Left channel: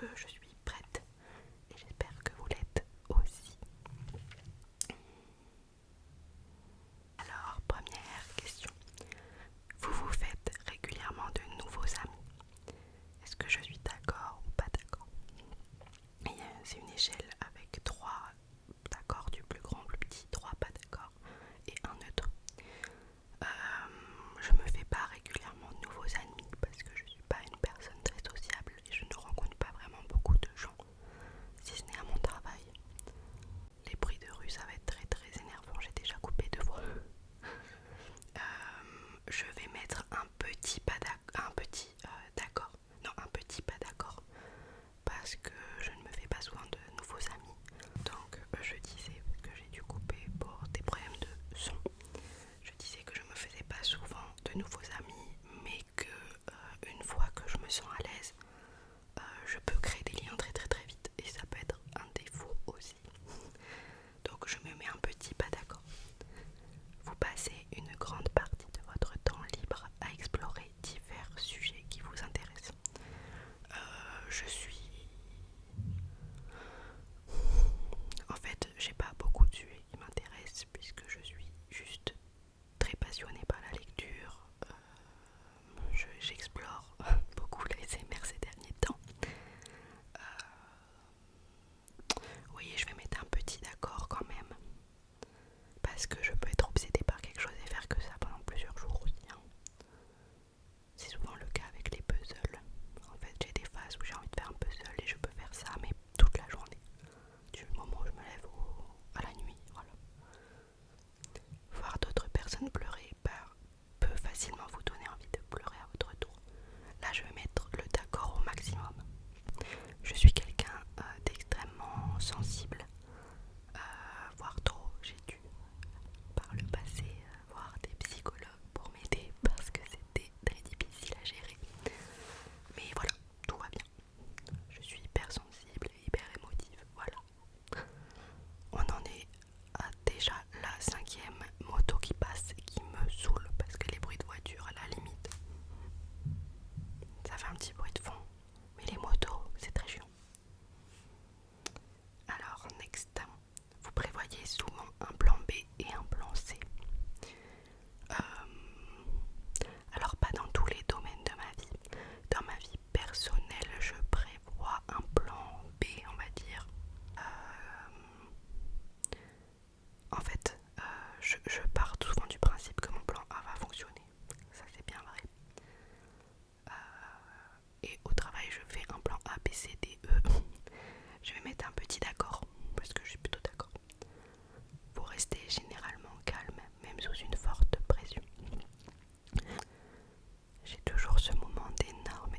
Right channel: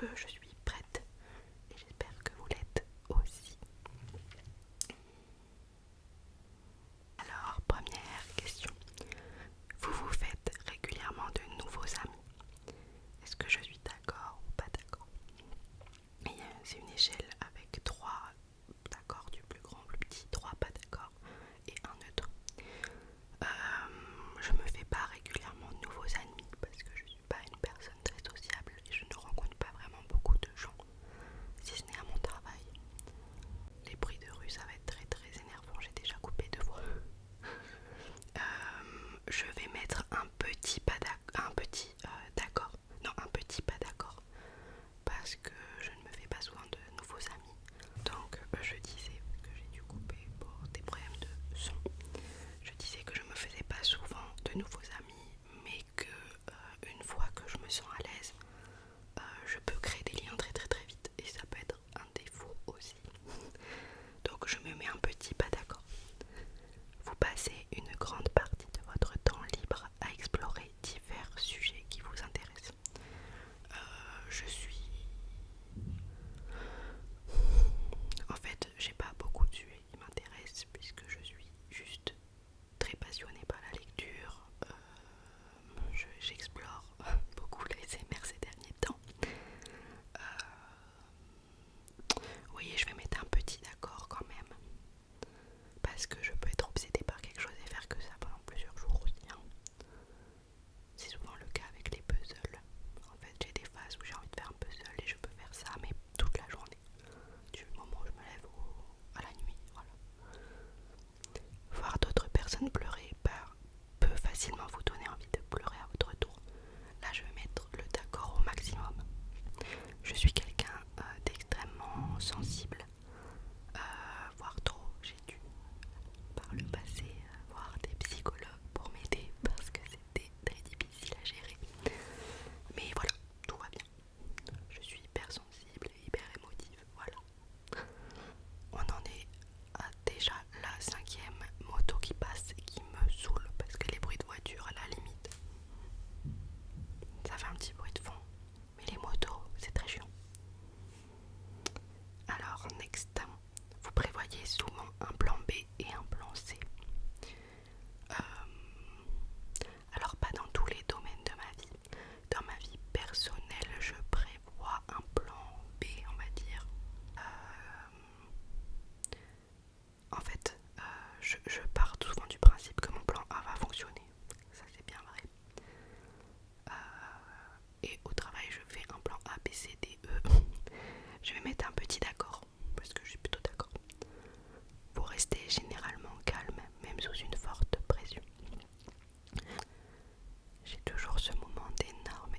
que je suis prête et j'espère que vous l'êtes aussi. Alors, première question. Vous vous faites régulièrement de nouveaux amis? Est-ce que je suis d'accord ou pas d'accord? C'est une échelle avec 3 d'accord du plus grand au plus petit, 3 pas d'accord et un neutre. Je me fais pas régulièrement de nouveaux amis parce que je suis pas une personne très sociable et je ne rencontre pas vraiment beaucoup de gens, si ce n'est à mon travail. Les bruits de rue, ça va être très très énervant, j'ai déjà coupé 2 fois. Je vais mettre un petit pas d'accord, un petit pas d'accord, parce que je ne me fais pas souvent de nouveaux amis. Donc je disais que j'ai dû couper pour des problèmes de son. Je disais que je me faisais pas souvent de nouveaux amis, mais que une fois que je me sens à l'aise, je peux créer des liens très très très vite et ça peut être un défaut aussi. Donc je me mets un petit pas d'accord. Vous passez une grande partie de votre temps libre à explorer divers sujets qui vous intéressent. Je suis... En fait, j'ai pas beaucoup de sujets qui m'intéressent puisque je suis juste très passionnée par la lecture. J'explore beaucoup l'ASMR ces derniers temps. Vous voyez, je vais mettre un petit d'accord quand même. Parce que je peux être obsédée par quelque chose et faire que ça pendant plusieurs jours aussi. Hein. C'est souvent le cas avec les puzzles. En fait, j'ai des phases où j'ai envie de faire un puzzle et je peux faire ça, mais toute la journée. Du moment où je me lève à la nuit, voilà. Voir d'autres personnes pleurer peut facilement vous donner envie de pleurer à votre tour. Là, je vais mettre le d'accord au maximum. Je suis quelqu'un d'extrêmement sensible, voire trop. J'ai dû par le passé voir des psychologues pour m'aider parce que c'était très difficile à gérer. Mais voilà, tout va bien. Je suis hyper sensible et hyper émotive, voilà. On en est à déjà la 5e moto qui passe et qui me saoule parce que les bruits de voiture à la limite, ça fait un petit bruit de fond. Mais les motos, c'est très chiant. Alors, next, vous prévoyez souvent un plan B et un plan C. Alors, pas dans tous les domaines de ma vie. Dans ma vie personnelle, je prévois un plan B, on va dire. En fait, je pars souvent du principe que mon plan A va fonctionner. Ça, c'est bien vrai. Et au travail, je fais un plan A, B, C, D, E. Je vais mettre un petit d'accord, parce que je suis plutôt d'accord. Vous restez généralement calme, même sous une forte pression. J'ai toujours ce moment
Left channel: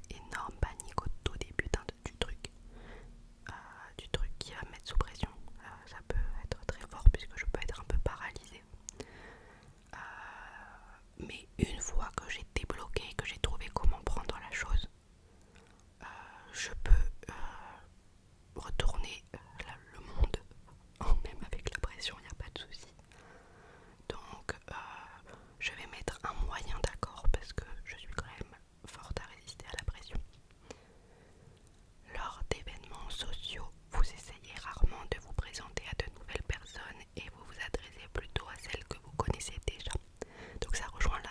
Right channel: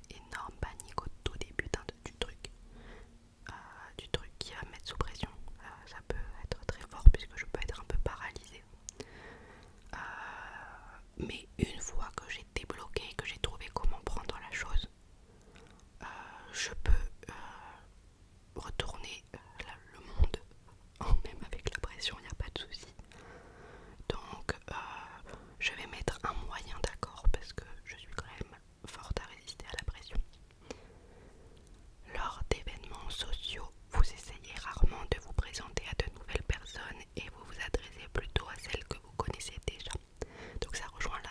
énorme panique au tout début du truc qui va me mettre sous pression. Ça peut être très fort puisque je peux être un peu paralysée. Mais une fois que j'ai débloqué, que j'ai trouvé comment prendre la chose, je peux retourner le monde, même avec la pression, il n'y a pas de souci. Donc je vais mettre un moyen d'accord parce que je suis quand même forte à résister à la pression. Lors d'événements sociaux, vous essayez rarement de vous présenter à de nouvelles personnes et vous vous adressez plutôt à celles que vous connaissez déjà. Donc ça rejoint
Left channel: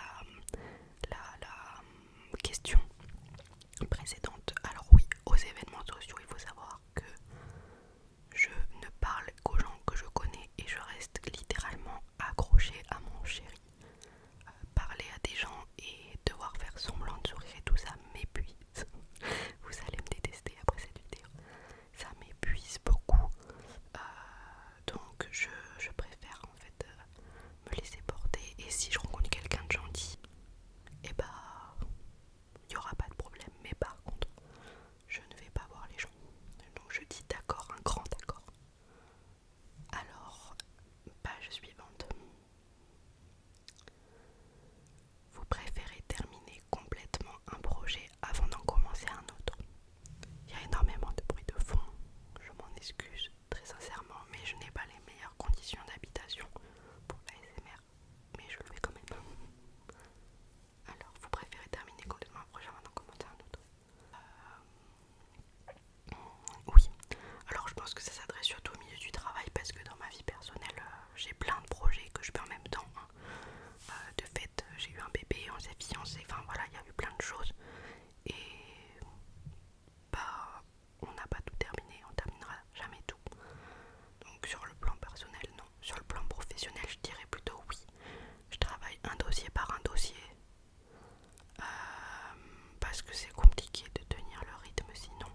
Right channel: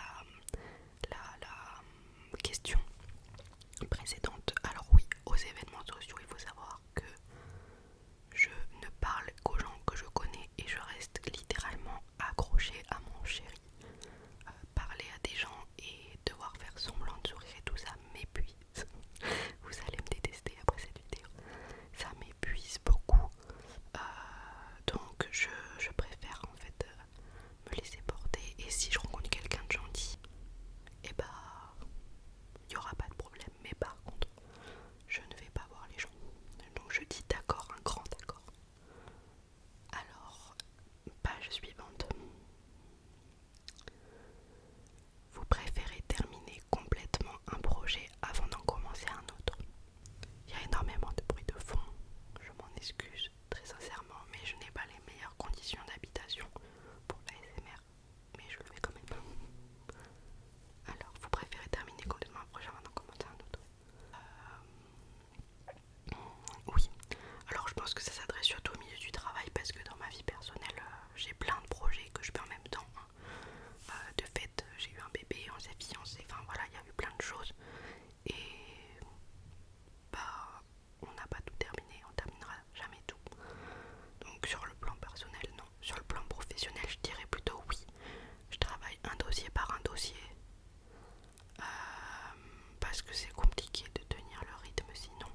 parce que c'est compliqué de tenir le rythme sinon.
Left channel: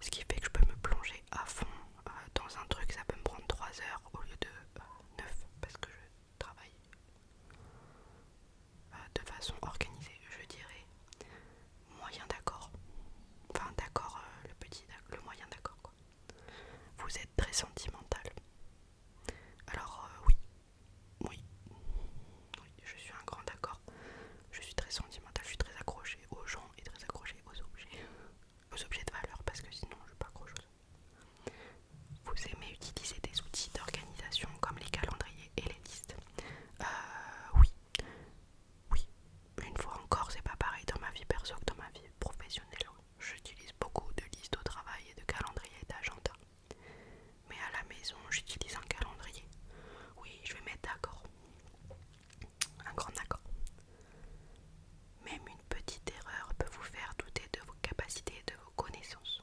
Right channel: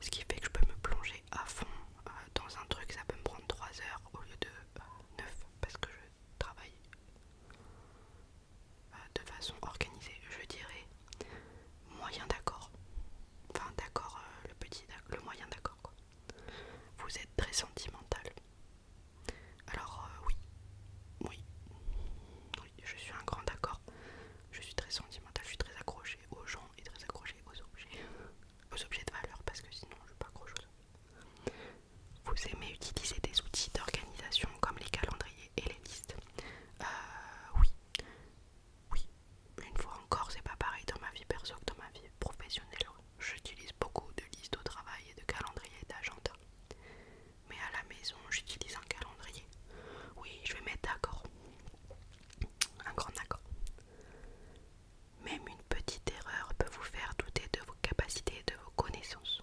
Ce qui fait que je peux me plonger à fond dans un truc, ça peut me prendre 3 heures au lieu de 9 parce que je travaille de façon organisée. Je dirais moyen d'accord. Enfin d'accord, le moyen d'accord quoi. Vous êtes très sentimental. Alors oui, oui, oui, je suis un grand d'accord. Je suis très sentimentale, je suis très accrochée aux gens et très accrochée aux objets de valeur parce que sinon je suis pas accrocheuse. Vous aimez utiliser des outils d'organisation comme les calendriers et les listes. Oui, oui. Une fois encore, c'est pas pareil dans ma vie perso que dans ma vie professionnelle. J'utilise beaucoup de listes au travail et de calendriers et d'agenda. Mais à la maison, j'utilise un calendrier. Oui, je vais mettre d'accord. Un grand d'accord. Même une petite erreur peut vous faire douter de vos capacités et de vos connaissances.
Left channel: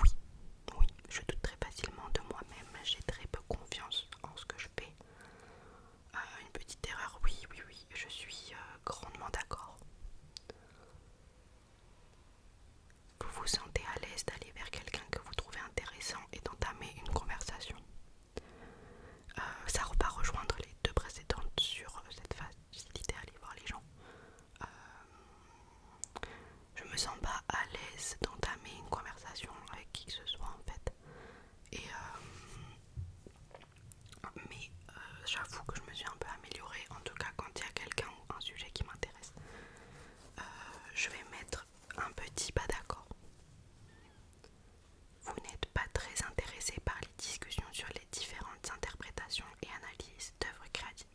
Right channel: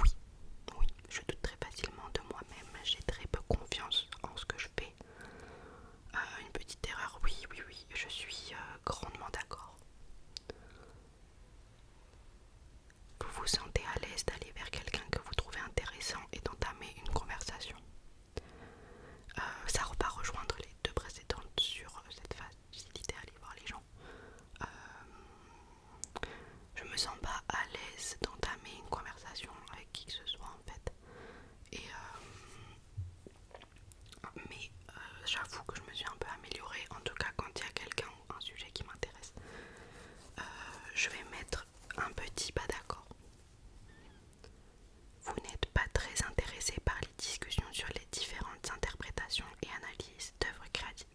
Oui, oui, je doute très facilement de moi-même, j'ai très peu confiance en ce que je fais. Une petite erreur, oui, oui, oui, je suis grandement d'accord. Vous vous sentez à l'aise d'aller vers quelqu'un que vous trouvez intéressant et d'entamer une conversation. Ça va rejoindre les deux précédentes sur cette facilité à aller voir les gens. Je me sens pas à l'aise d'entamer une conversation avec qui que ce soit en fait. Et mais j'avoue que je me suis un peu améliorée, en tout cas quand il y a quelqu'un ou un sujet qui m'intéresse. Je vais mettre un petit pas d'accord. Vous n'êtes pas très intéressé par les discussions sur les différentes interprétations et analyses d'œuvres créatives.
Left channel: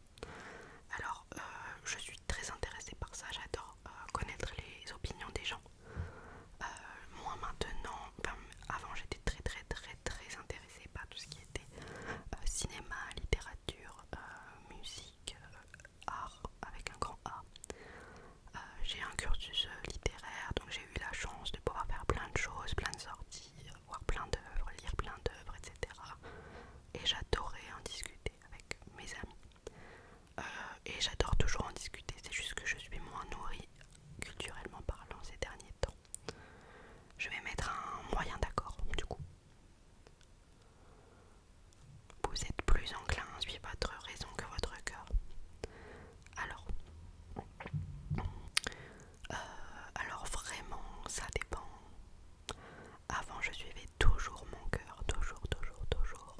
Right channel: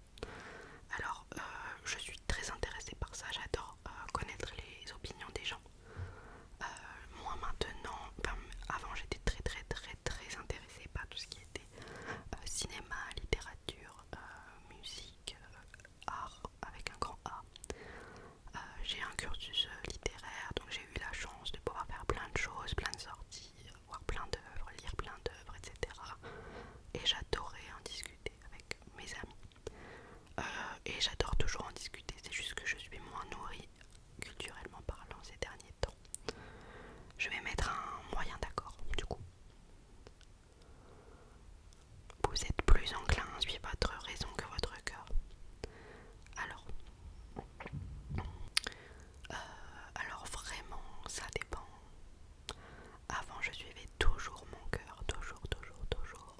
Alors, je suis très intéressée par ça, j'adore connaître les opinions des gens. Moi maintenant, avant j'étais très très très très intéressée par tout ce qui était cinéma, littérature, musique, art avec un grand A. J'ai un cursus littéraire, donc j'ai eu la chance de pouvoir faire plein de choses, plein de sorties, voir plein d'œuvres, lire plein d'œuvres, etc. Et j'adorais en discuter avec mes amis. Et j'adore toujours en discuter, c'est juste que je suis moins nourrie culturellement parlant ces derniers temps. Je vais mettre un moyen d'accord du coup. Vous êtes plus enclin à suivre votre raison que votre cœur. Alors, alors vraiment, ça dépend. Avant, je suivais toujours mon cœur, toujours, toujours, toujours.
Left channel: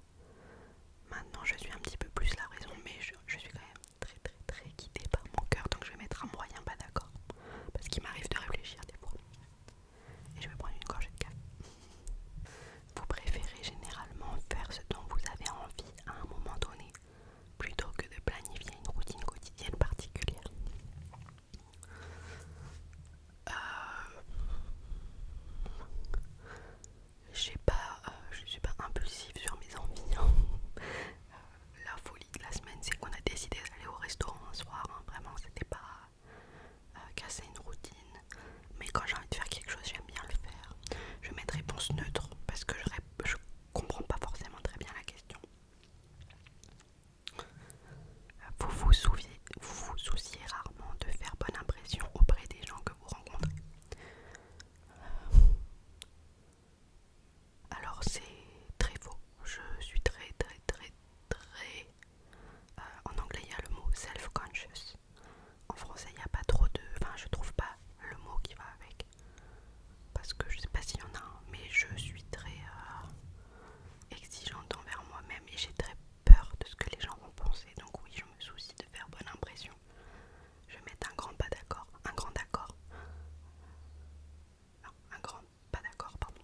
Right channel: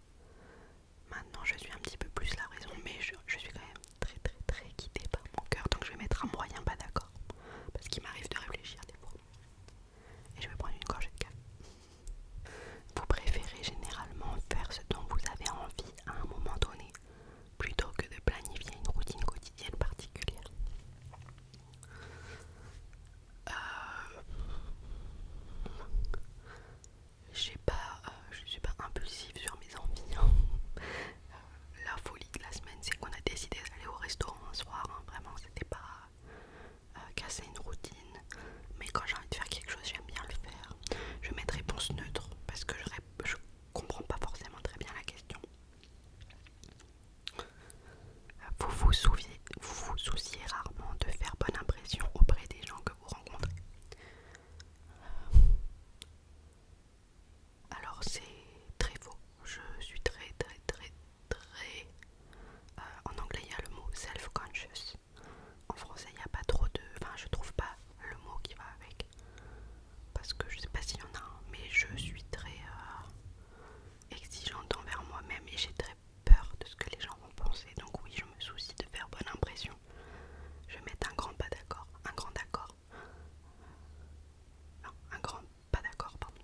Maintenant, je suis un petit peu plus la raison, mais je suis quand même très, très, très guidée par mon cœur. Donc, je vais mettre un moyen pas d'accord, parce qu'il m'arrive de réfléchir des fois. Et je vais prendre une gorgée de café. Vous préférez généralement faire ce dont vous avez envie à un moment donné, plutôt que de planifier une routine quotidienne particulière. Je suis pas impulsive sur mes envies. La folie de la semaine, c'est qu'on a décidé d'aller au restaurant un soir. Vraiment, c'était pas casser une routine. Mais quand j'ai envie de faire quelque chose, j'aime bien le faire. Je vais mettre réponse neutre parce que je comprends pas forcément très bien la question. Vous vous souciez rarement de faire bonne impression auprès des gens que vous rencontrez. Alors c'est très faux. Je suis très très très très... en anglais il y a le mot self-conscious. En français il n'y a pas trop de... Enfin je trouve pas le mot qui va avec. Parce que je sais pas s'il y en a un. Mais je suis très exigeante envers moi-même et j'ai très peur de ce que les gens vont penser. Donc oui, je me soucie de faire bonne impression. Je vais mettre un grand pas d'accord. Un grand d'accord. Non, un grand pas d'accord, pardon.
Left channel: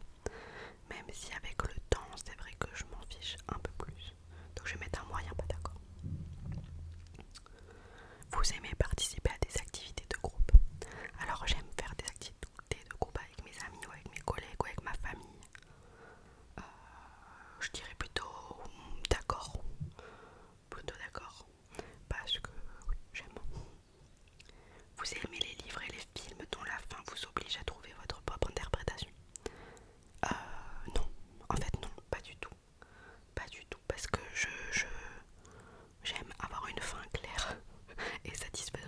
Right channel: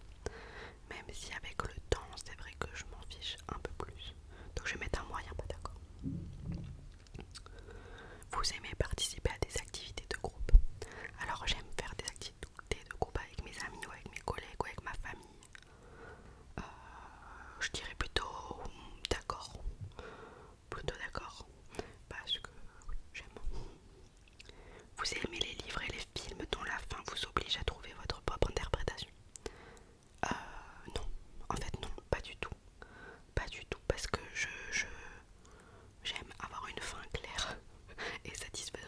Même si avec le temps, c'est vrai que je m'en fiche un peu plus. Donc je vais mettre un moyen pas d'accord. Vous aimez participer à des activités de groupe. Alors j'aime faire des activités de groupe avec mes amis ou avec mes collègues ou avec ma famille. Je dirais plutôt d'accord. Plutôt d'accord. Parce que oui, j'aime. Vous aimez les livres et les films dont la fin vous oblige à trouver votre propre interprétation. Non. En fait non, pas du tout. Pas du tout. Parce que j'aime avoir une fin claire et satisfaisante.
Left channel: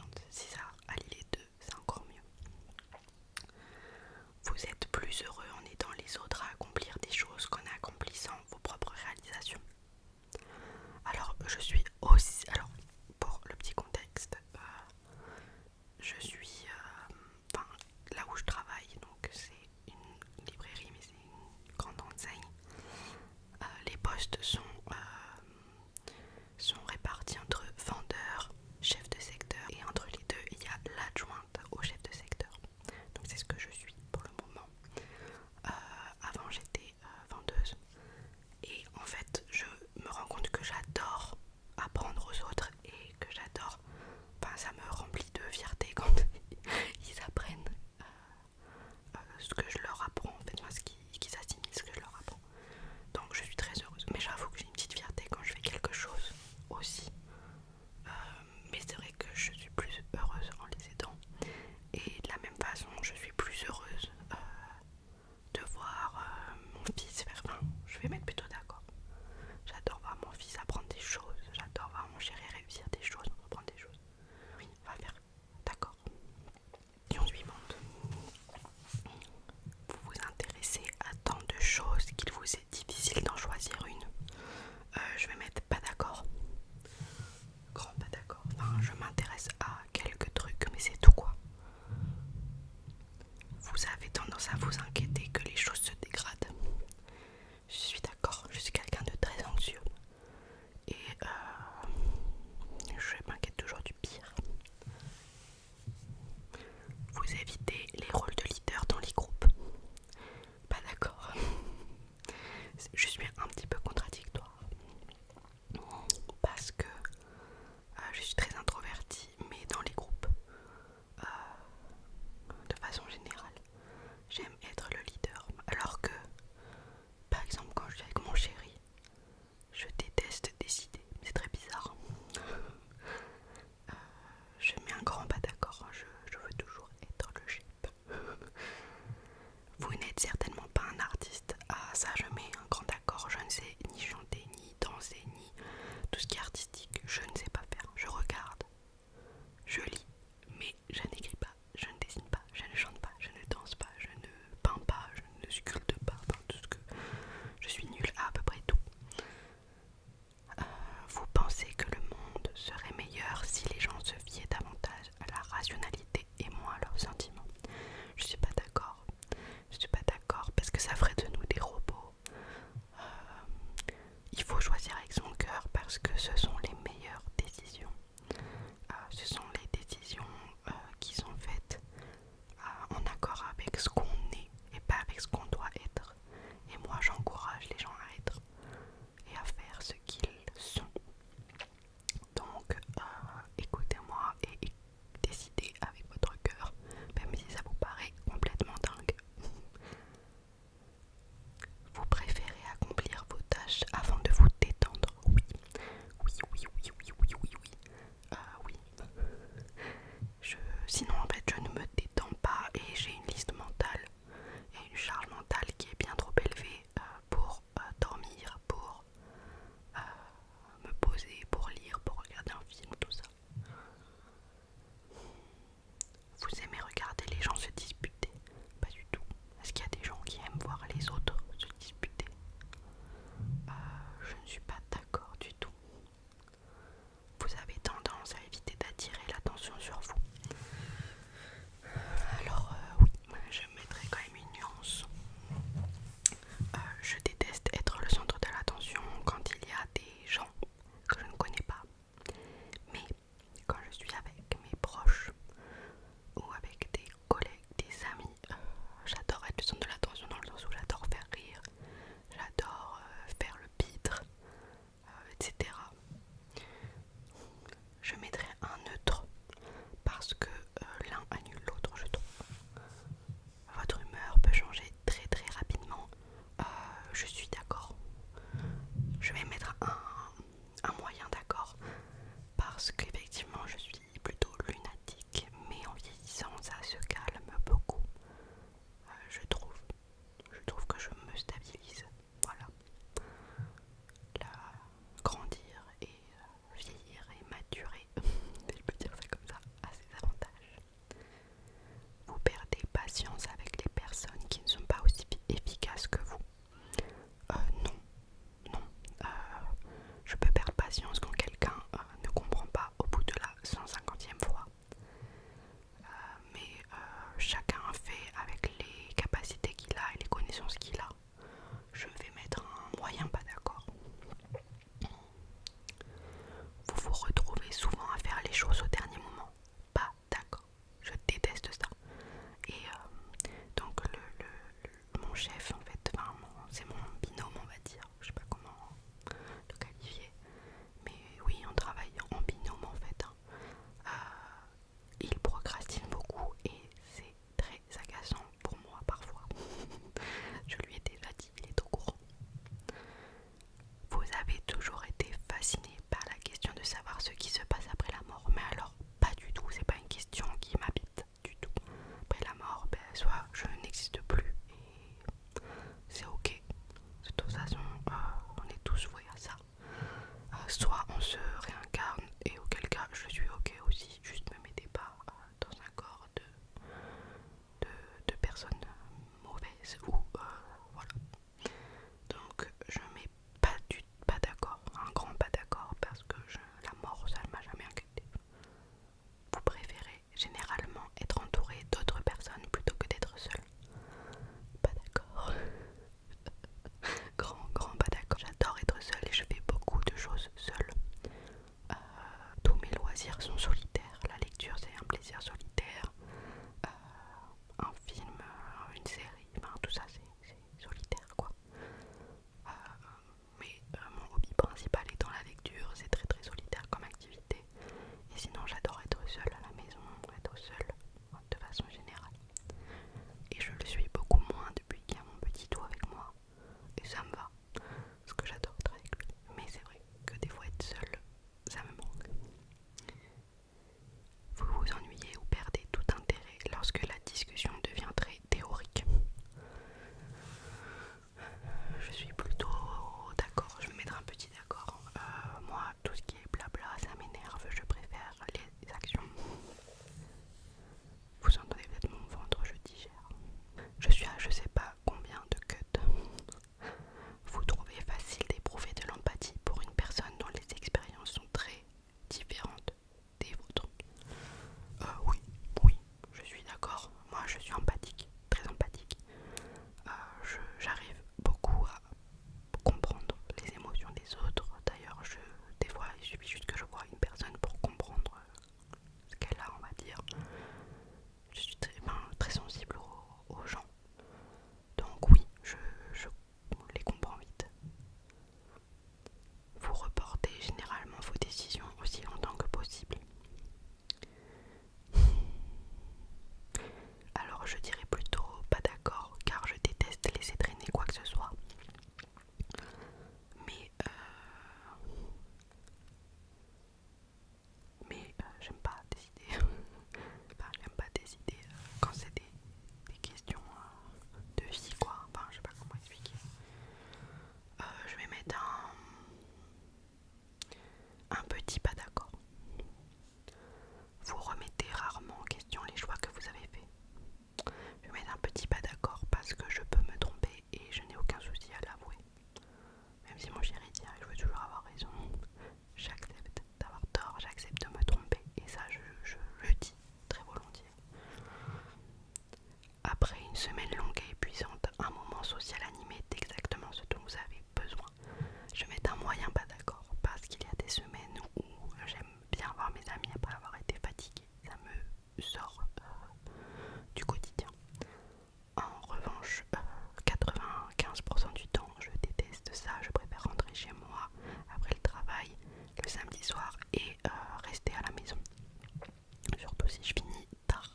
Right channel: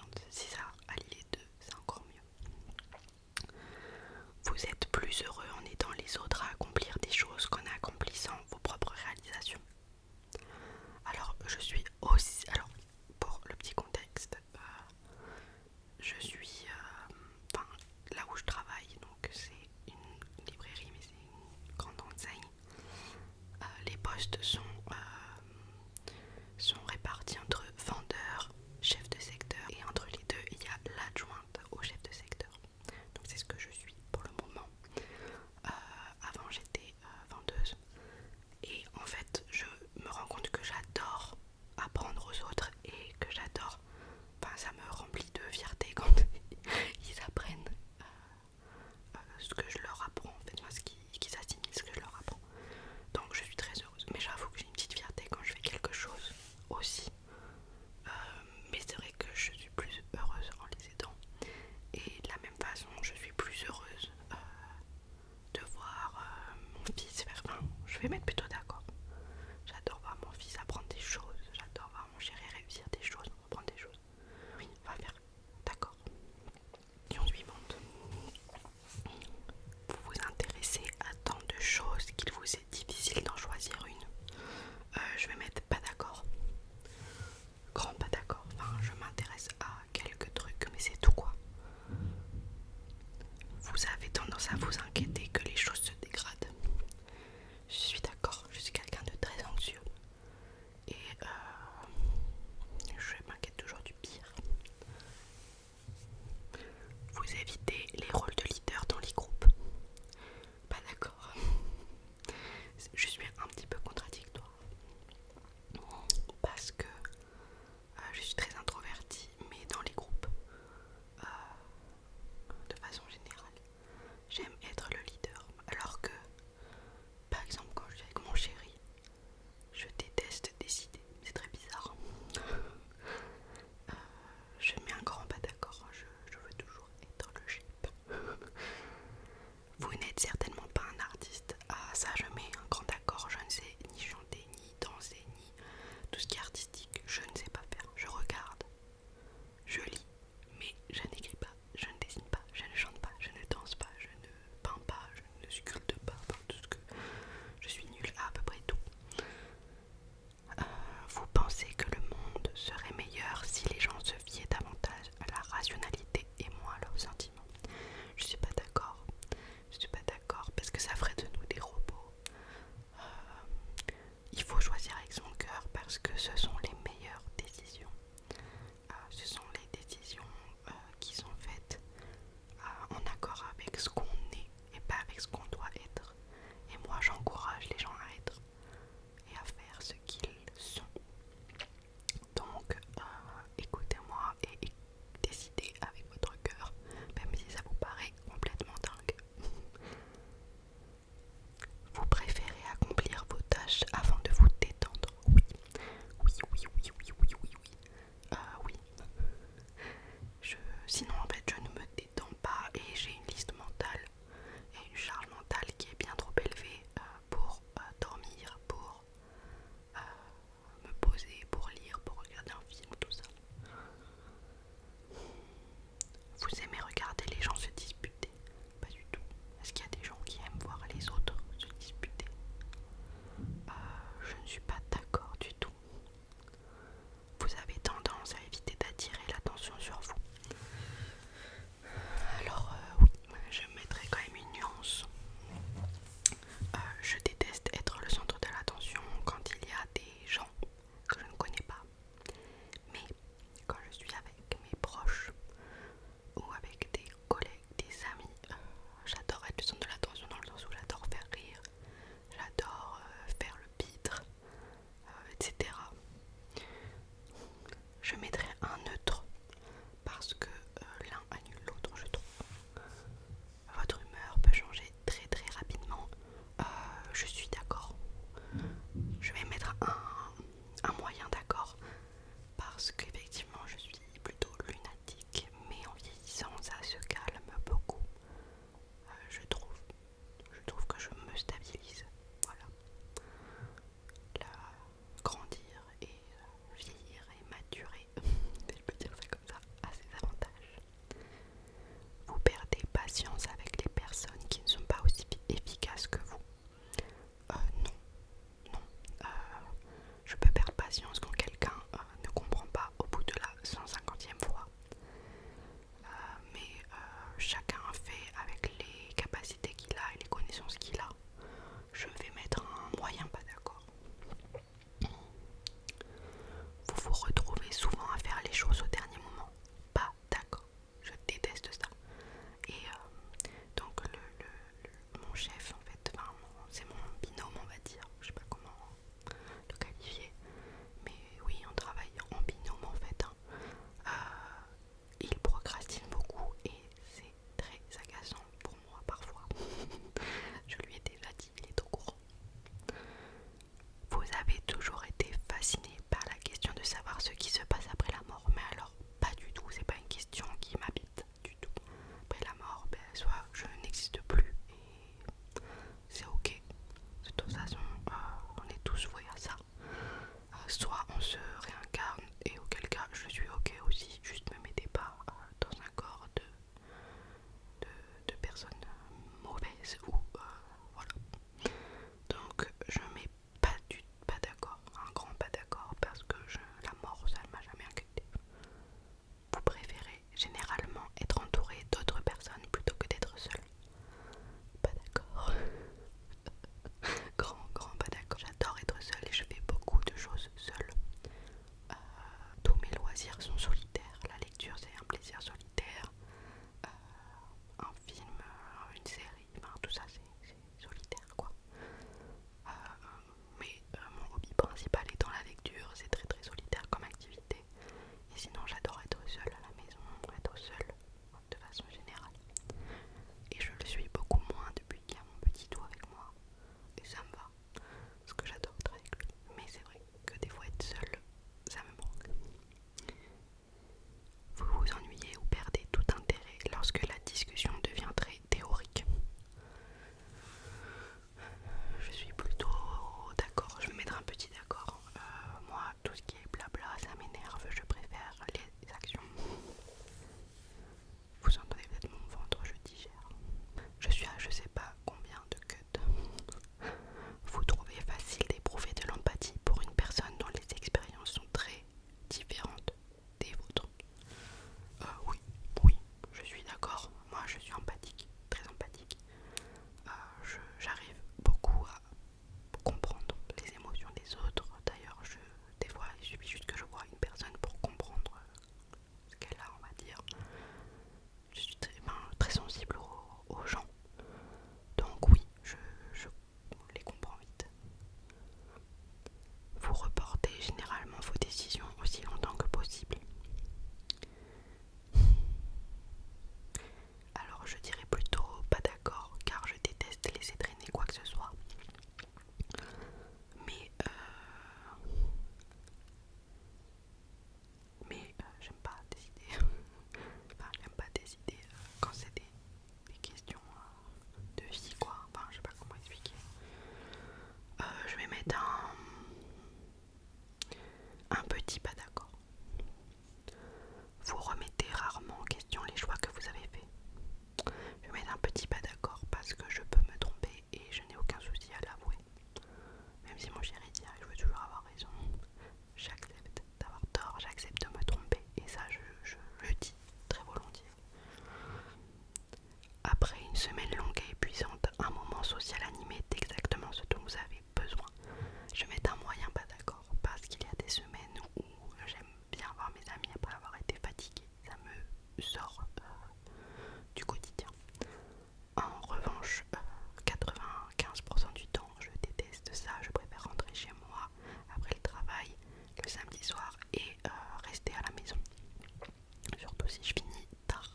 aussi je finis tard.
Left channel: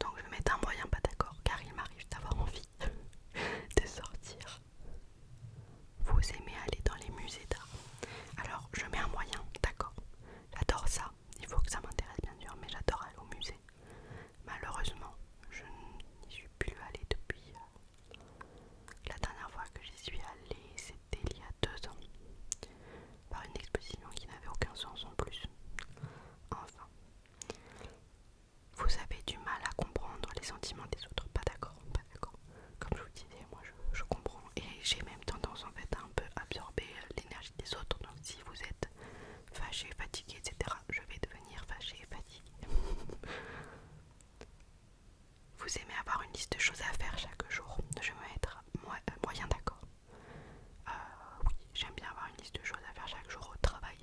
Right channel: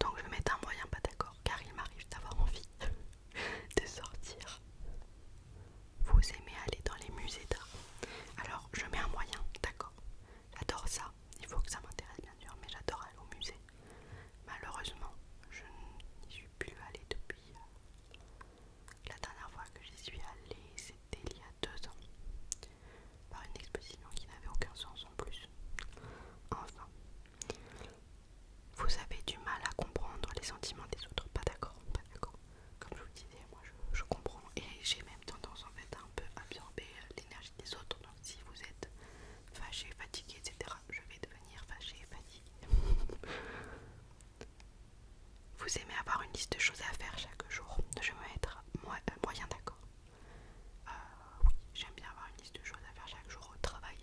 Donc je vais mettre un moyen pas d'accord car il m'arrive d'avoir envie de sortir. Vous aimez aller dans les musées d'art? Alors je mets un moyen, d'accord. J'adore ça, il faut que ça m'intéresse bien sûr, mais j'adore aller au musée. Malheureusement, je n'y suis plus allée depuis la dernière fois que j'y suis allée, c'était il y a 2 ans, par une exposition qui n'avait aucun sens en plus. Enfin, vous avez du mal à comprendre les sentiments des autres, pas d'accord, pas d'accord. Comme je vous disais, moi je comprends et j'ai même tendance en fait à un peu absorber l'énergie des autres. Donc si vous êtes fâché, fatigué, etc., je vais devenir fâché et fatigué. Vous aimez avoir une liste de choses à faire chaque jour? Je vais mettre moyen d'accord. Oui, j'aime bien avoir une liste de choses à faire chaque jour au travail.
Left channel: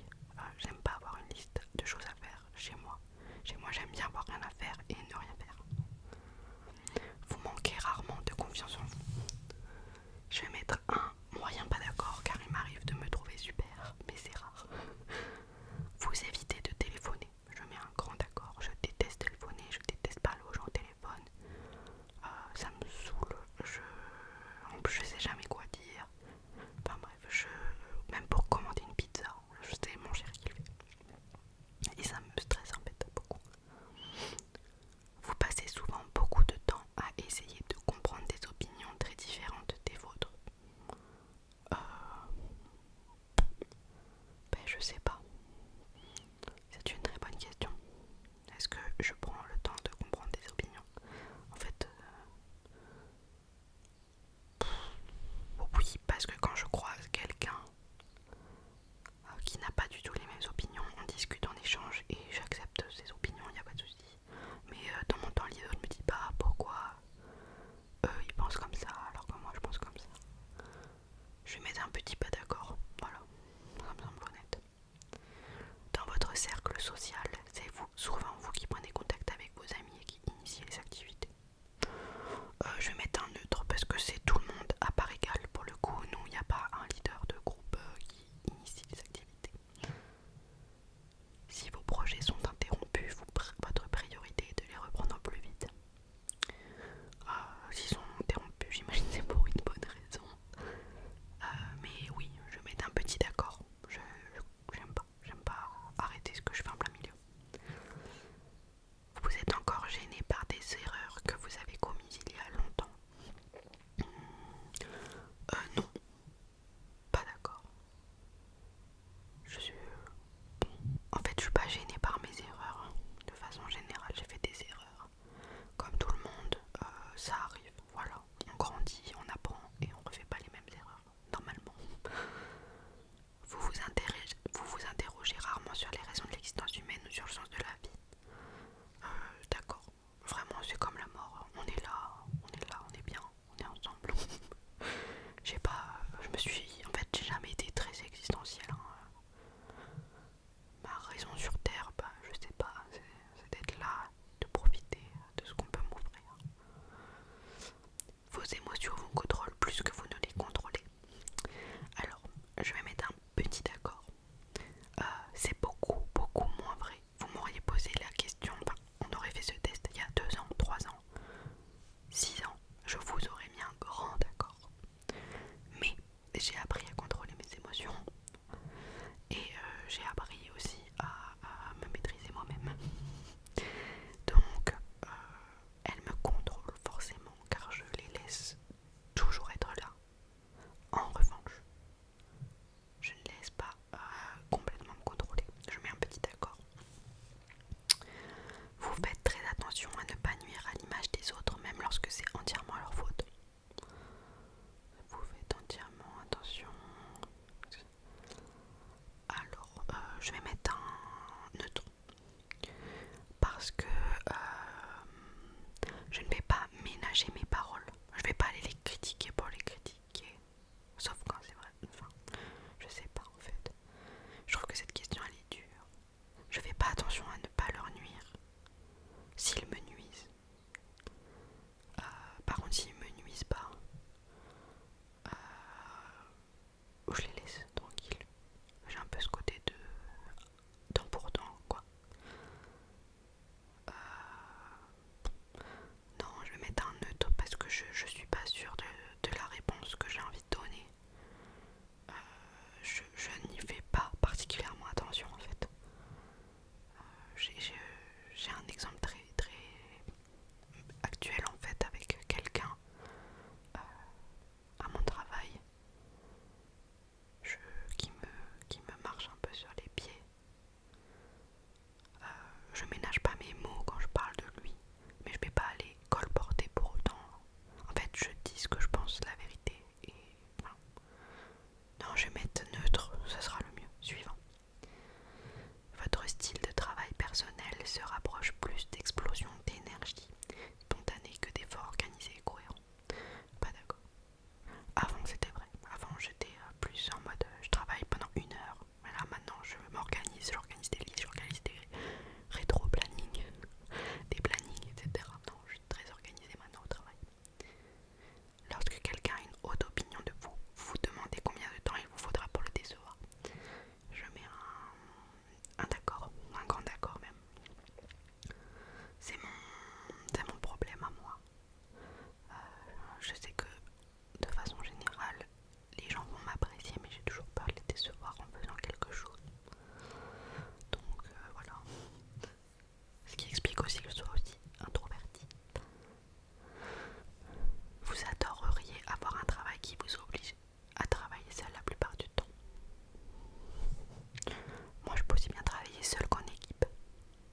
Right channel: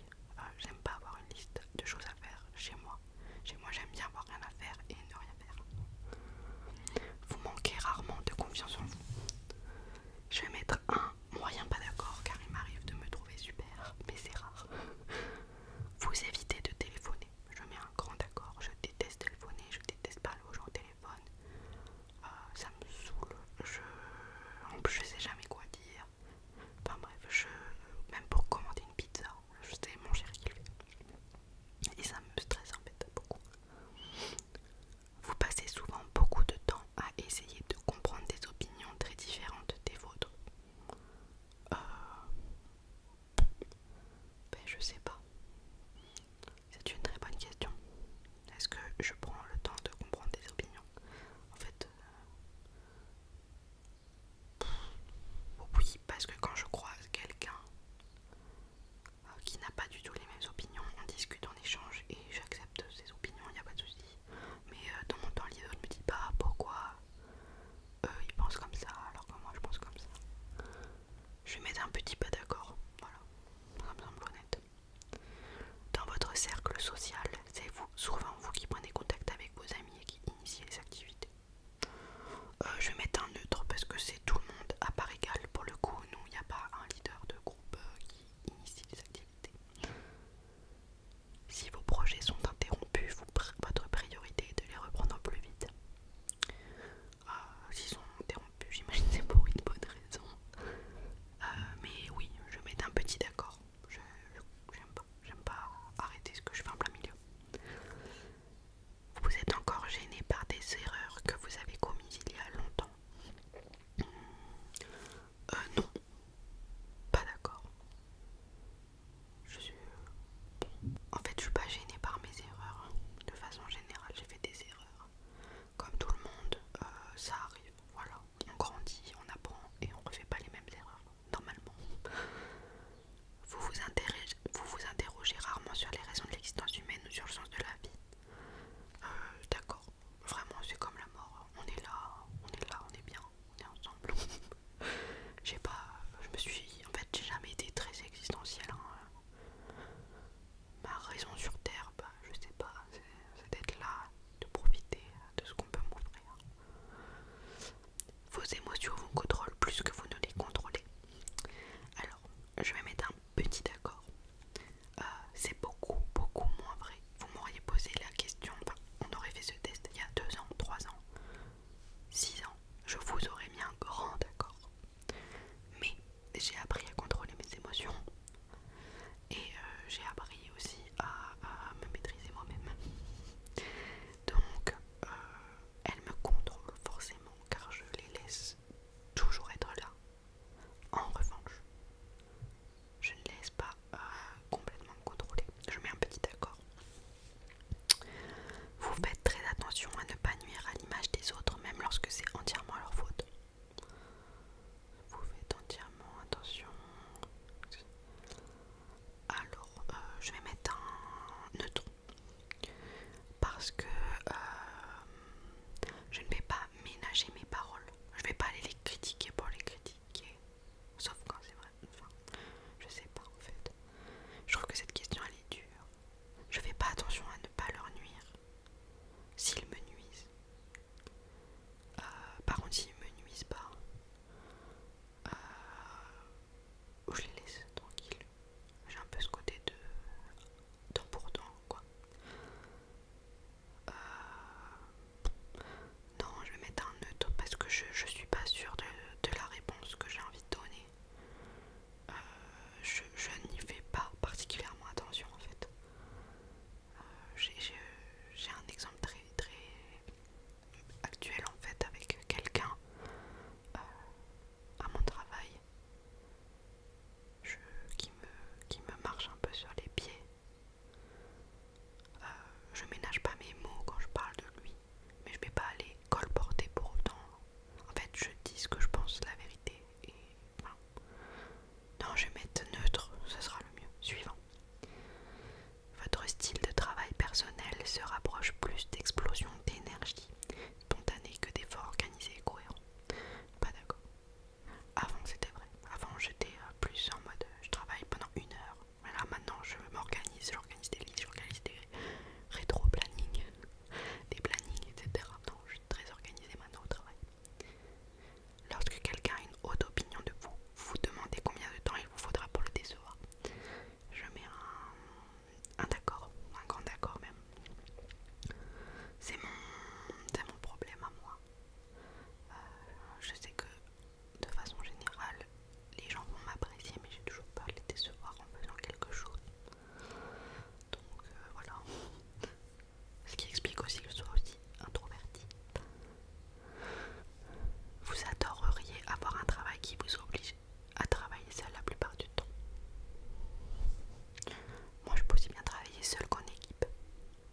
J'aime pas avoir une liste de choses à faire chez moi. Chez moi, j'aime bien avoir rien à faire et ne rien faire. Vous manquez rarement de confiance en vous. Je vais mettre un moyen pas d'accord car il m'arrive de me trouver super, mais c'est rare. Vous évitez de téléphoner. Je mets un grand d'accord. Je déteste téléphoner, je déteste parler aux gens au téléphone. Ça me saoule. En plus, je sais jamais quoi dire. Enfin bref, même pour commander une pizza, c'est mon chéri qui le fait. Et ça me stresse en fait beaucoup. Vous passez souvent beaucoup de temps à essayer de comprendre des opinions très différentes des vôtres. Je sais pas. C'est une très bonne question. Est-ce que je prends le temps de comprendre des opinions? En fait, oui, parce que quand je croise quelqu'un qui n'a pas du tout les mêmes opinions, on discute, on échange et j'accepte ses opinions, il n'y a pas de souci. Mais dans mon temps libre, je me dis pas pourquoi eux ils pensent comme ça alors que moi je pense comme ça. Je vais mettre un petit pas d'accord, voilà, ça me semble honnête. Dans votre cercle social, c'est souvent vous qui prenez contact plus d'explosion d'énergie spontanée que d'efforts organisés et cohérents. Pas d'accord. Avant c'était vrai. Avant j'étais plus en mode je travaille pendant 1 heure. Mais là maintenant je m'organise, j'organise des listes, j'organise des rétro-plannings, des plannings, etc. Non, je suis très organisée maintenant au travail. Lorsque quelqu'un a une haute opinion de vous, vous vous demandez combien de temps il vous faudra pour le décevoir. Je mets un d'accord, un grand d'accord même. C'est mon problème à moi. Je sais que de façon générale, les gens vont m'apprécier, mais j'ai toujours peur de les décevoir en faisant quelque chose. Donc voilà. Ce qui explique aussi que je sois aussi introvertie. Vous adoreriez avoir un travail qui vous oblige à travailler seul la plupart du temps. Moi je peux aussi bien travailler seul qu'en équipe.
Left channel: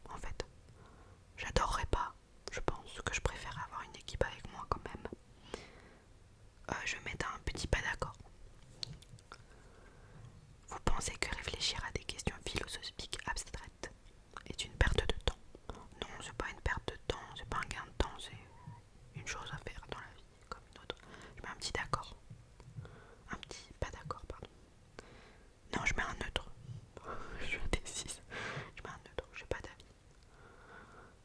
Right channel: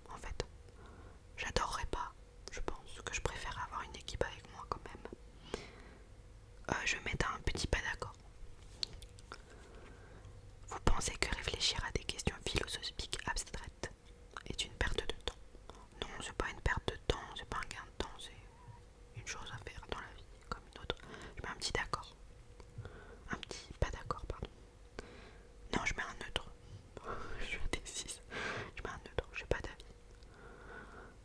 En fait, j'adorerais pas. Je pense que je préfère avoir une équipe avec moi quand même. Je vais mettre un petit pas d'accord. Vous pensez que réfléchir à des questions philosophiques abstraites est une perte de temps? Non, c'est pas une perte de temps, c'est pas un gain de temps, c'est une chose à faire dans la vie comme une autre. Je mets un petit d'accord. Un petit pas d'accord, pardon. Non, je mets un neutre. Je suis indécise. Je mets un neutre, j'ai pas d'avis.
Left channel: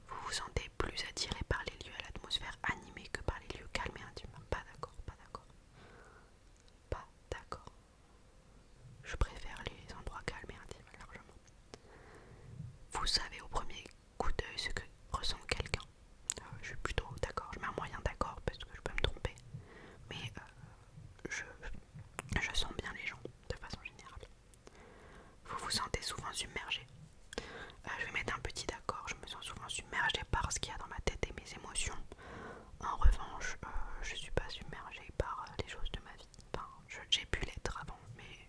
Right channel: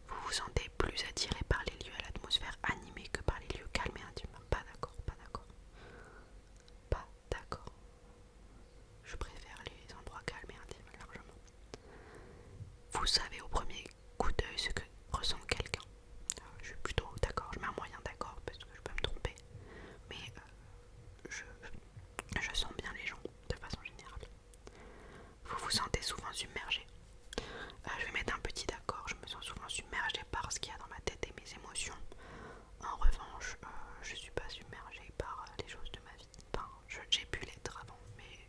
Vous vous sentez plus attiré par les lieux à l'atmosphère animée que par les lieux calmes et intimes? Pas d'accord, pas d'accord. Pas d'accord. Je préfère les endroits calmes et intimes largement. Vous savez au premier coup d'œil ce que ressent quelqu'un. Je suis plutôt d'accord, je mets un moyen d'accord parce que je peux me tromper. Mais je sens bien les gens de façon générale. Vous vous sentez souvent submergé. Je vais mettre un petit d'accord, je me sens souvent submergée par ce qu'il y a dans ma tête et mes émotions. En revanche, je suis pas submergée par les choses de ma vie. Enfin, j'ai pu l'être avant, mais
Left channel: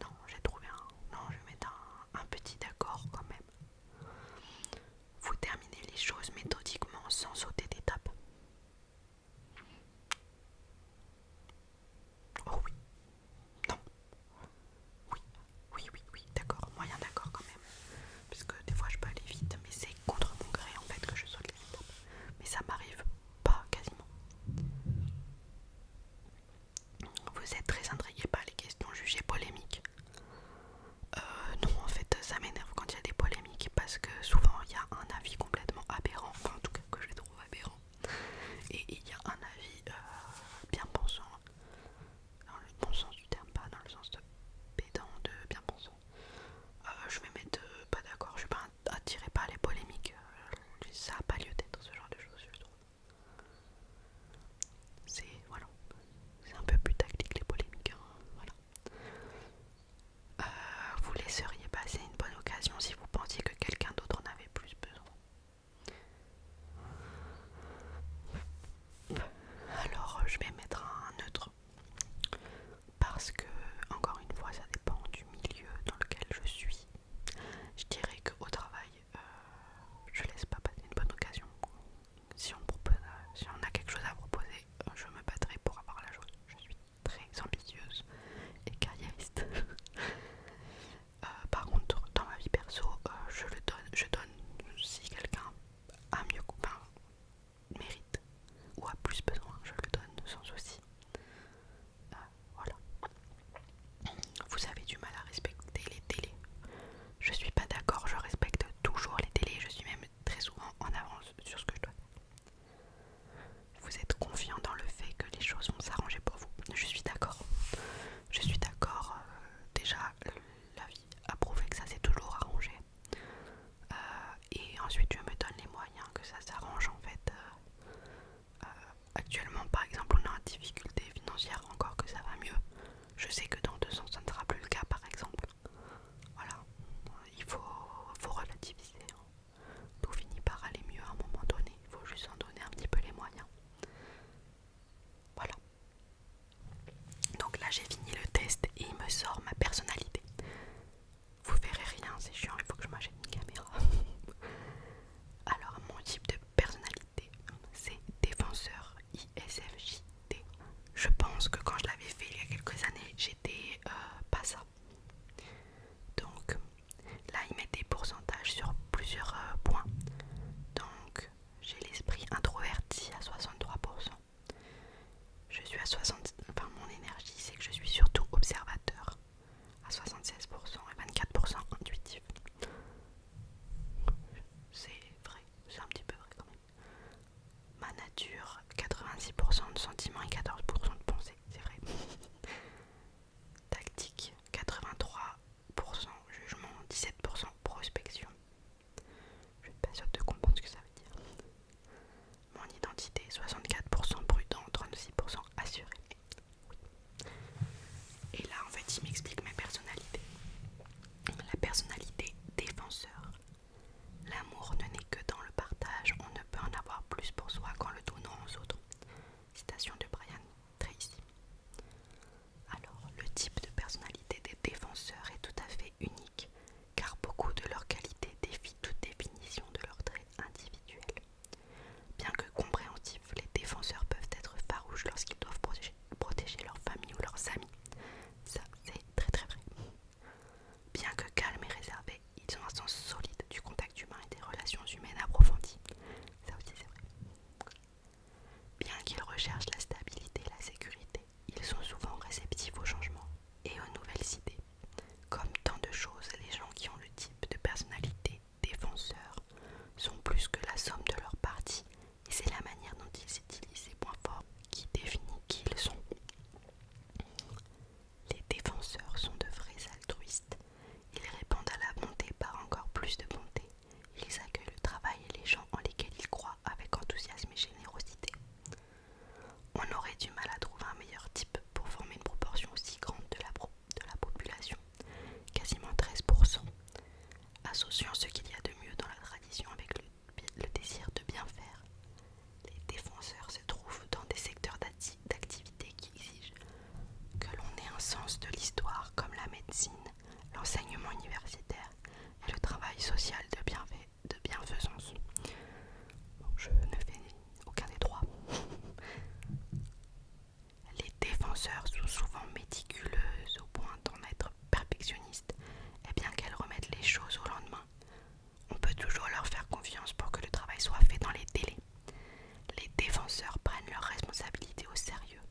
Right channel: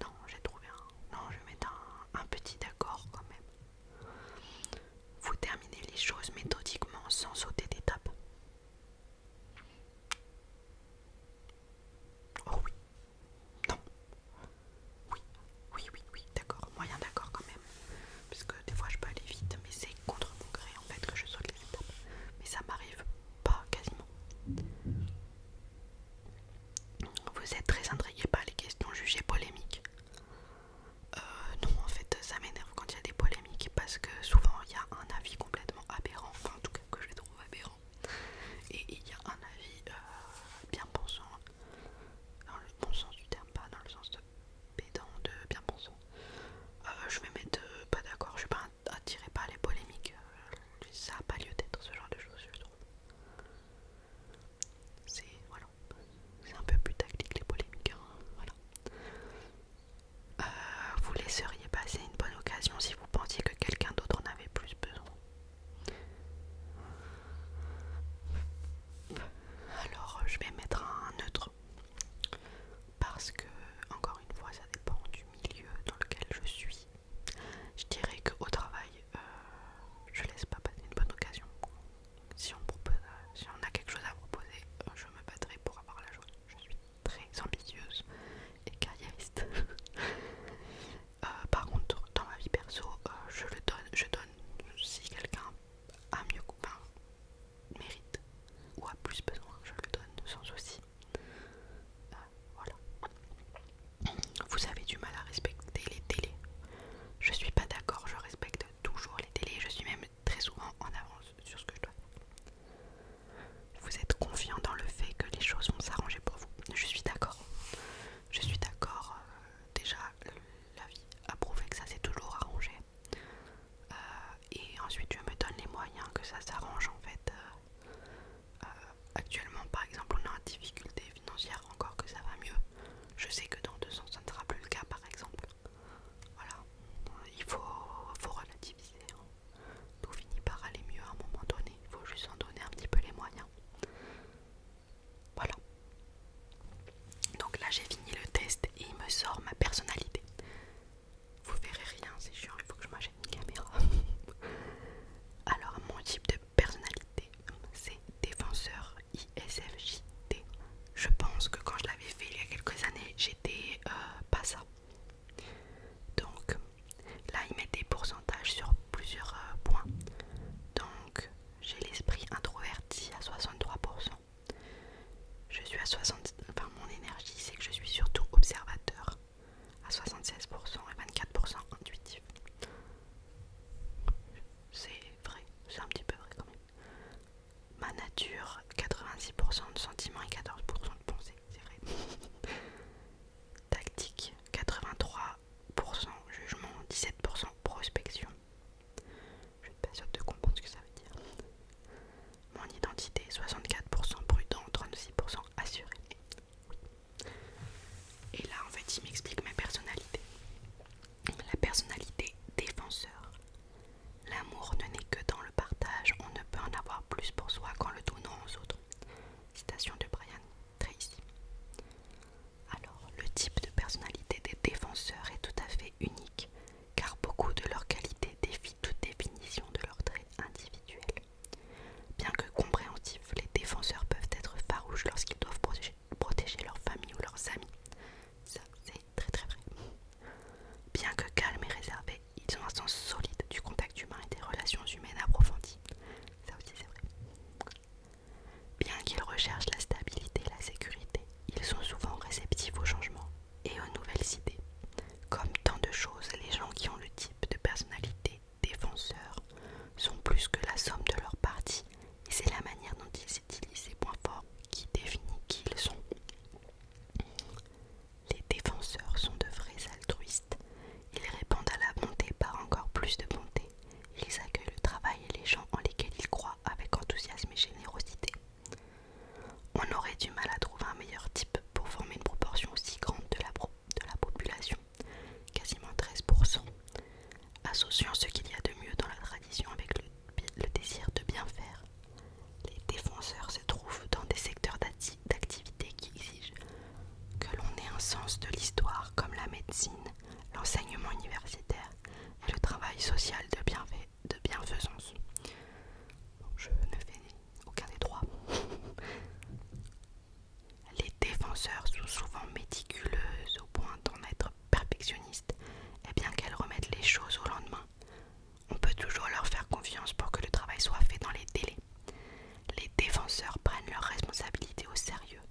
non, j'ai trouvé un... Non, je vais mettre un petit d'accord quand même. Vous terminez les choses méthodiquement sans sauter d'étape. Oh oui, non, oui, oui, oui, oui, d'accord, moyen d'accord quand même. Parce que des fois je peux aller vite, mais c'est contre mon gré en fait que je saute les étapes. Mais ça m'arrive pas quasiment. Vous êtes très intrigué par les questions jugées polémiques. Non, en fait, ça m'énerve quand il y a des polémiques parce que souvent il y a un avis complètement aberrant, enfin en tout cas que je trouve aberrant, et il y a un avis bien pensant, dans le bon sens du terme, pas dans le sens de pédant, de bien pensant. Je vais mettre pas d'accord, je suis pas attirée par les polémiques, ça n'a pas lieu d'être ce genre de choses, je trouve. Voilà, c'est un peu plus tactique les polémiques, hein, voilà. Vous laisseriez passer une bonne occasion si vous pensiez que quelqu'un d'autre en avait relations humaines approfondies. Ça aussi c'est vrai. Bien qu'ils recherchent la stabilité et la sécurité, ils sont souvent réceptifs au changement et aux nouvelles idées. Comme tant de choses, les gens qui ont le type de personnalité défenseur sont plus que la somme de leurs parties, et c'est la manière dont ils utilisent ces points forts qui définit qui ils sont. Les défenseurs sont de vrais altruistes. Ils répondent à la bonté par encore plus de bonté. Ils accueillent le travail et les gens en lesquels ils croient avec enthousiasme et générosité. On aurait du mal à trouver un meilleur type pour former une proportion aussi grande de la population, quasiment 13%, associant ce qu'il y a de mieux dans la tradition avec le désir de bien faire. Les défenseurs se trouvent dans des secteurs d'activité qui exigent que l'on ait un sens de l'histoire comme la médecine, l'enseignement universitaire et le travail social de bienfaisance. Bon, je ne fais aucun des trois. Les défenseurs sont souvent méticuleuses au point d'en être perfectionnistes, et bien qu'elles remettent les choses au lendemain, on peut toujours leur faire confiance pour que le travail soit fait dans les délais. Les défenseurs prennent leurs responsabilités au sérieux.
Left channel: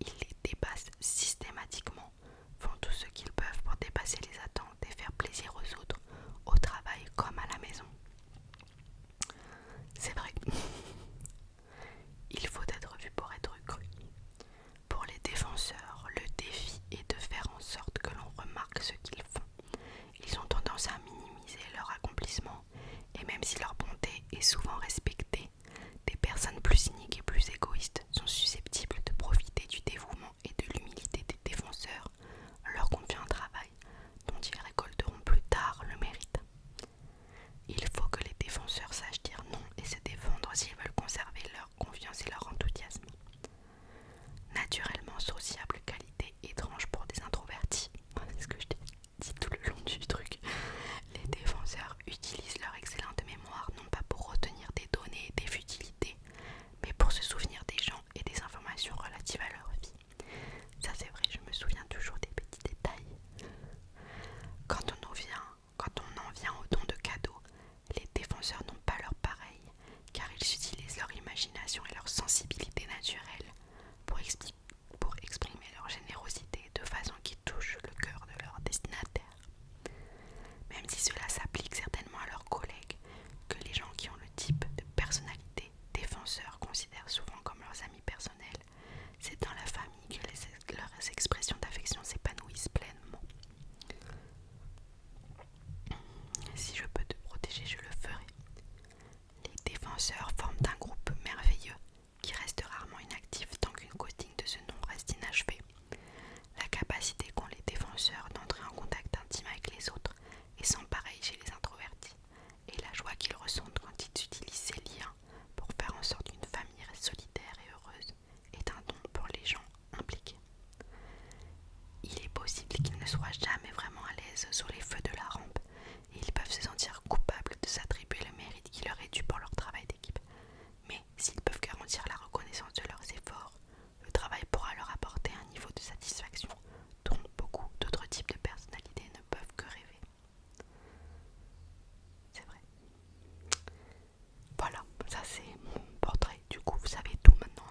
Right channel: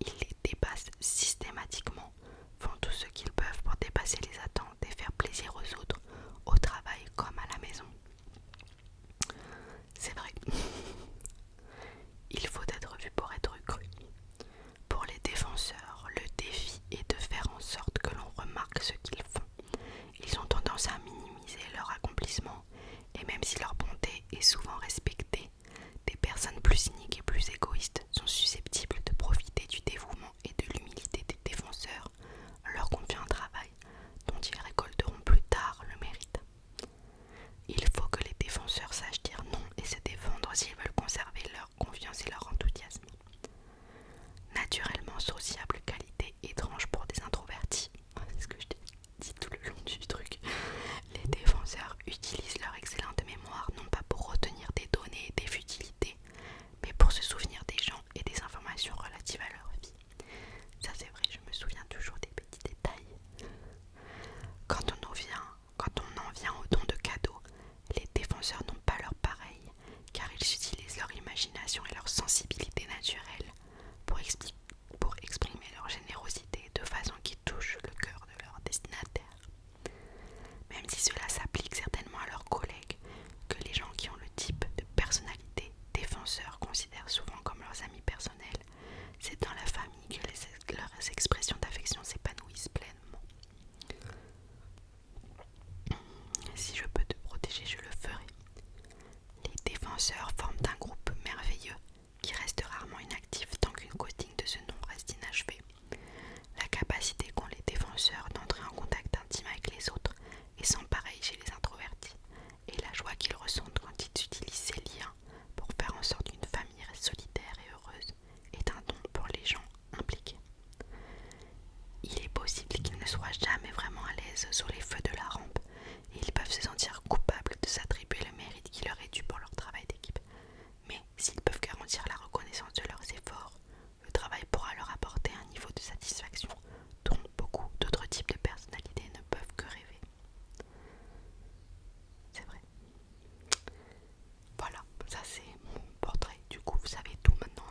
Ils les dépassent systématiquement, font tout ce qu'ils peuvent pour dépasser les attentes et faire plaisir aux autres, au travail comme à la maison. C'est vrai. Il faut être vu pour être cru. Pour les défenseur, le défi est de faire en sorte que l'on remarque ce qu'ils font. Ils ont tendance à minimiser leur accomplissement, et même si leur bonté est souvent respectée, des personnes plus cyniques et plus égoïstes sont susceptibles de profiter du dévouement et de l'humilité des défenseurs, leur confiant un travail dont ils récolteront plus tard le mérite. Il faut que les défenseur sachent dire non et se défendre s'ils veulent conserver leur confiance et leur enthousiasme. Naturellement sociable, qualité étrange pour des introvertis. C'est ce que je t'ai dit tout le long du truc. Les défenseurs utilisent leur excellente mémoire non pas pour retenir des données et des futilités, mais pour se souvenir des gens et des informations relatives à leur vie. Ça c'est vrai, je me souviens toujours des petits détails. Quand on en vient au don de cadeaux, les défenseurs n'ont pas leur pareil, car ils utilisent leur imagination et leur sensibilité naturelle pour exprimer leur générosité de façon qui touche le cœur de leur destinataire. Même si cela s'applique certainement à leurs collègues, que les gens qui ont le type de personnalité défenseur considèrent souvent comme leurs amis personnels, c'est dans la famille que leurs expressions d'affection s'épanouissent pleinement. Si je peux te protéger, je le ferai. Les défenseurs forment un groupe merveilleux qui reste rarement inactif tant qu'une cause digne de ce nom reste inachevée. La capacité qu'ont les défenseurs d'entrer en contact intime avec les autres est sans pareil chez les introvertis, et la joie qu'ils ressentent quand ils utilisent ces liens pour faire en sorte qu'une famille reste solidaire et heureuse est un don pour les gens impliqués. Il est possible qu'ils ne soient jamais vraiment à l'aise sous les feux de la rampe, et ils peuvent se sentir coupables de s'attribuer le mérite qui leur est dû pour leur travail d'équipe. Mais s'ils peuvent garantir la reconnaissance de leurs efforts, le travail pourra leur apporter un niveau de satisfaction dont beaucoup d'autres types de personnalités ne peuvent que rêver. C'est vrai. Voilà, ça c'est mon portrait. Du coup, vous savez tout maintenant.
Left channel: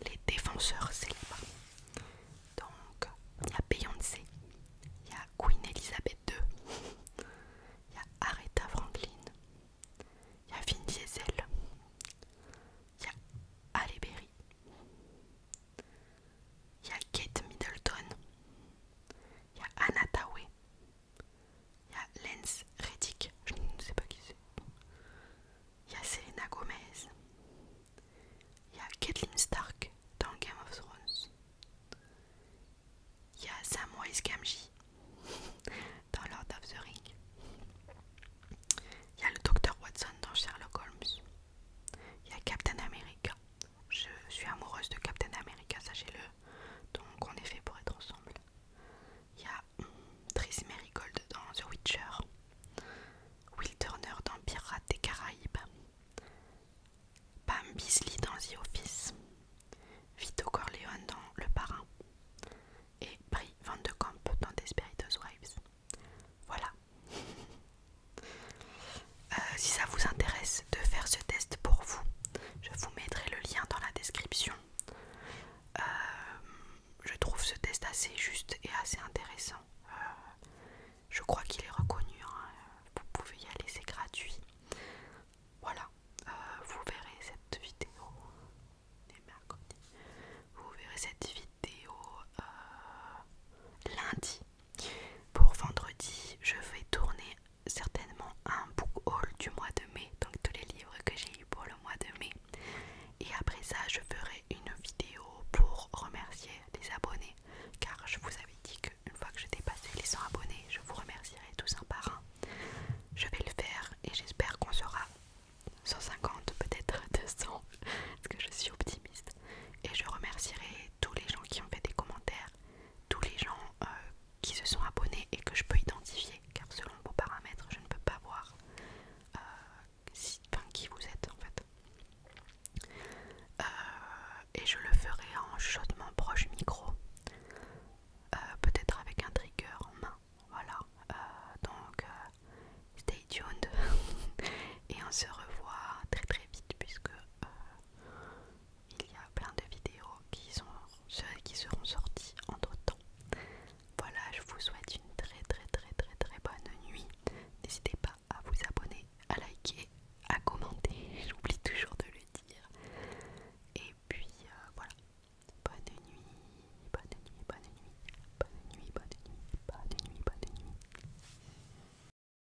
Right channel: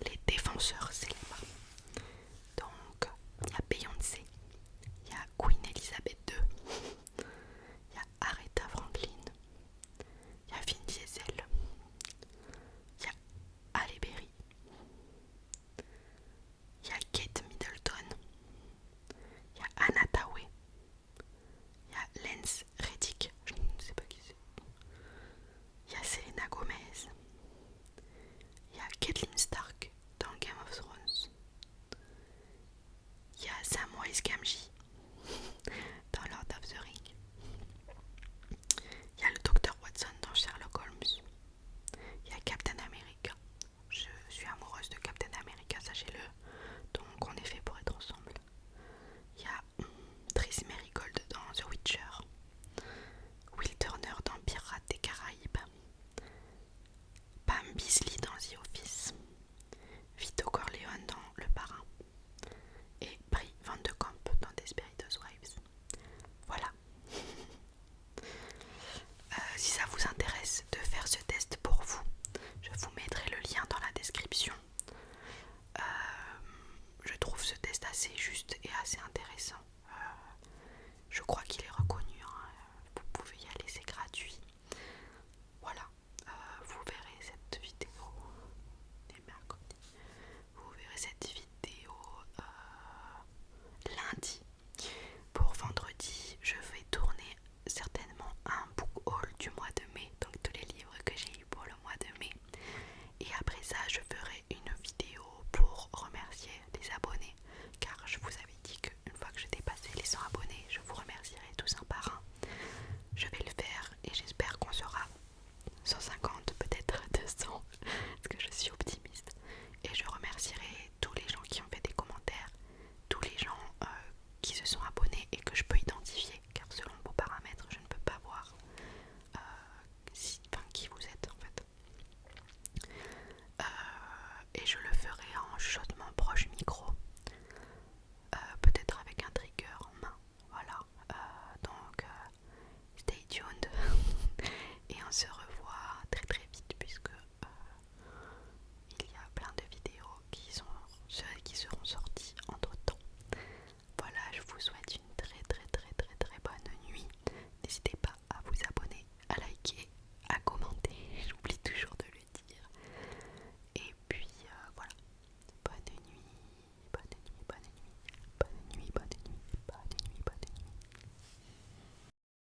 Les défenseurs célèbres. Donc, il y a Beyoncé, il y a Queen Elizabeth II, il y a Aretha Franklin, il y a Vin Diesel, il y a Halle Berry, il y a Kate Middleton, il y a Anna Tawai, il y a Lance Reddick, je ne sais pas qui c'est, il y a Selena Gomez, il y a Caitlyn Stark dans Game of Thrones, il y a Samwise Gamgee dans Lord of the Rings, il y a le Dr Watson dans Sherlock Holmes, il y a Captain America. Je suis amoureuse de Captain America, sachez-le, donc on est fait pour être ensemble. Il y a Triss Merigold dans The Witcher, Will Turner dans Pirates des Caraïbes, Pam Beesly dans The Office, crois qu'il est